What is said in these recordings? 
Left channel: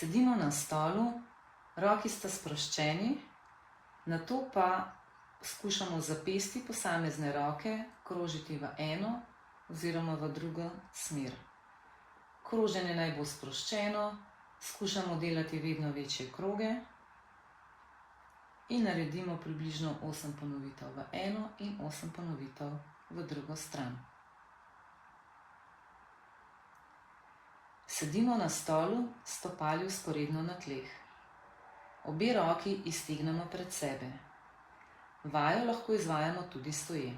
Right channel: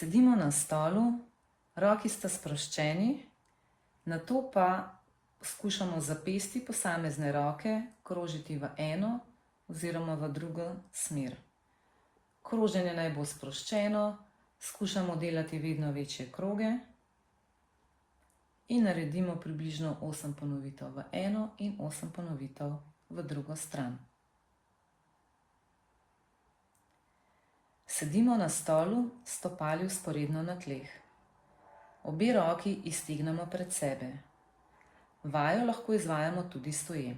Sedimo na stolu, roki sta sproščeni, nato pa skušamo zapesti posamezne roke krožiti v eno oziroma v drugo smer. Kroženje naj bo sproščeno, skušamo delati vedno večje kroge in naredimo približno 8 ponovitev v eno in 8 ponovitev v drugo stran. Sedimo na stolu, stopali vzporedno na tleh. Obe roki iztegnemo pred sebe. Vajo lahko izvajamo tudi stoje.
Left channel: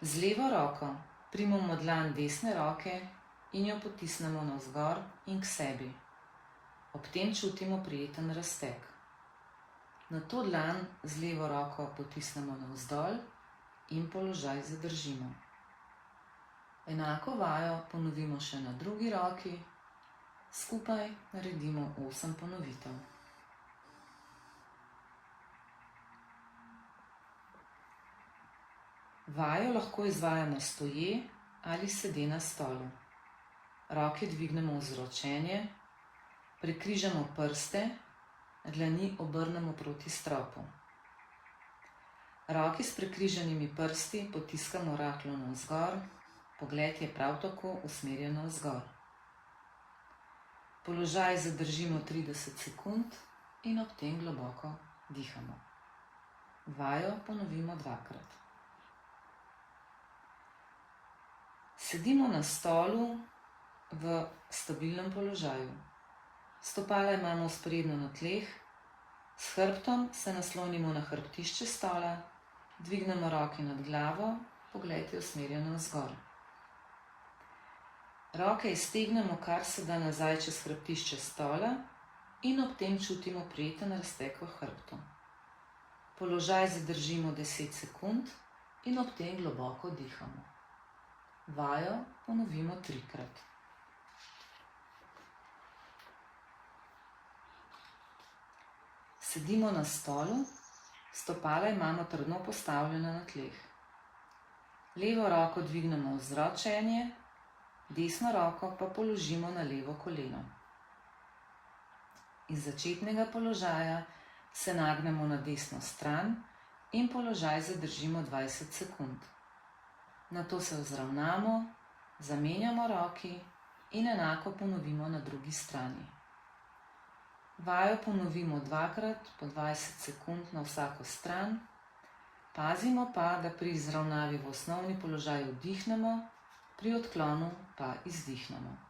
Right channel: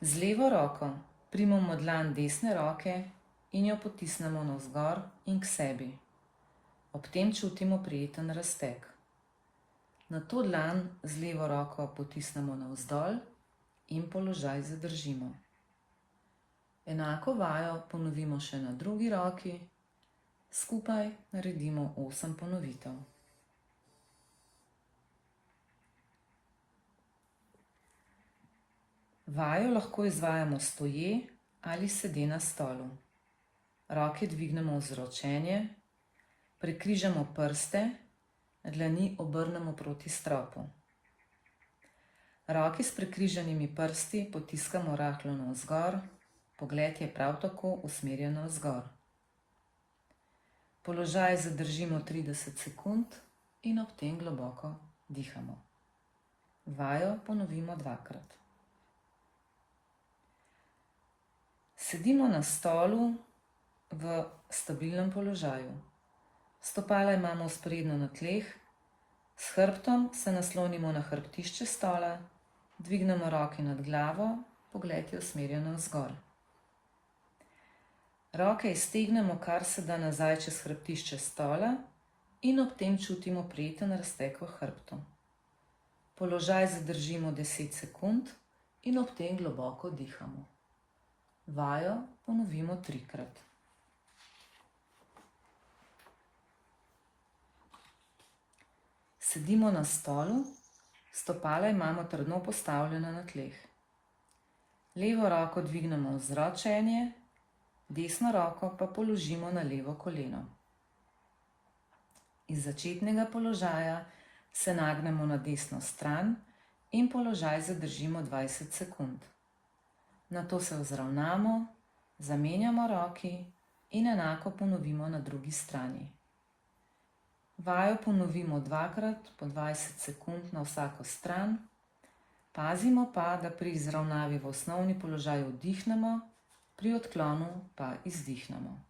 Z levo roko primemo dlan desne roke in jo potisnemo navzgor in k sebi. Ob tem čutimo prijeten razteg. Nato dlan z levo roko potisnemo navzdol in položaj zadržimo. Enako vajo ponovimo še na drugi roki, skupaj naredimo 8 ponovitev. Vajo lahko izvajamo stoje ali sede na stolu. Roke dvignemo v zročenje, prekrižamo prste, dlani obrnemo proti stropu. Roke s prekrižanimi prsti potiskamo rahlo navzgor, pogled je prav tako usmerjen navzgor. Položaj zadržimo 30 sekund in ob tem globoko dihamo. Vajo ponovimo 2-krat. Sedimo na stolu v stabilnem položaju. Stopala imamo vzporedno na tleh, s hrbtom se naslonimo na hrbtišče stola, dvignemo roke nad glavo, pogled je usmerjen navzgor. Roke iztegnemo kar se da nazaj čez hrbtišče stola in ob tem čutimo prijeten razteg v hrbtu. Položaj zadržimo 10 sekund in ob tem globoko dihamo. Vajo ponovimo 3-krat. Sedimo na stolu, stopala imamo trdno postavljena na tleh. Levo roko dvignemo v zročenje, desno roko pa položimo na levo koleno. Iz začetnega položaja se nagnemo na desno stran in položaj zadržimo 20 sekund. Nato se vzravnamo, zamenjamo roki in enako ponovimo na drugi strani. Vajo ponovimo 2-krat po 20 sekund na vsako stran. Pazimo pa, da pri izravnavi v osnovni položaj vdihnemo, pri odklonu pa izdihnemo.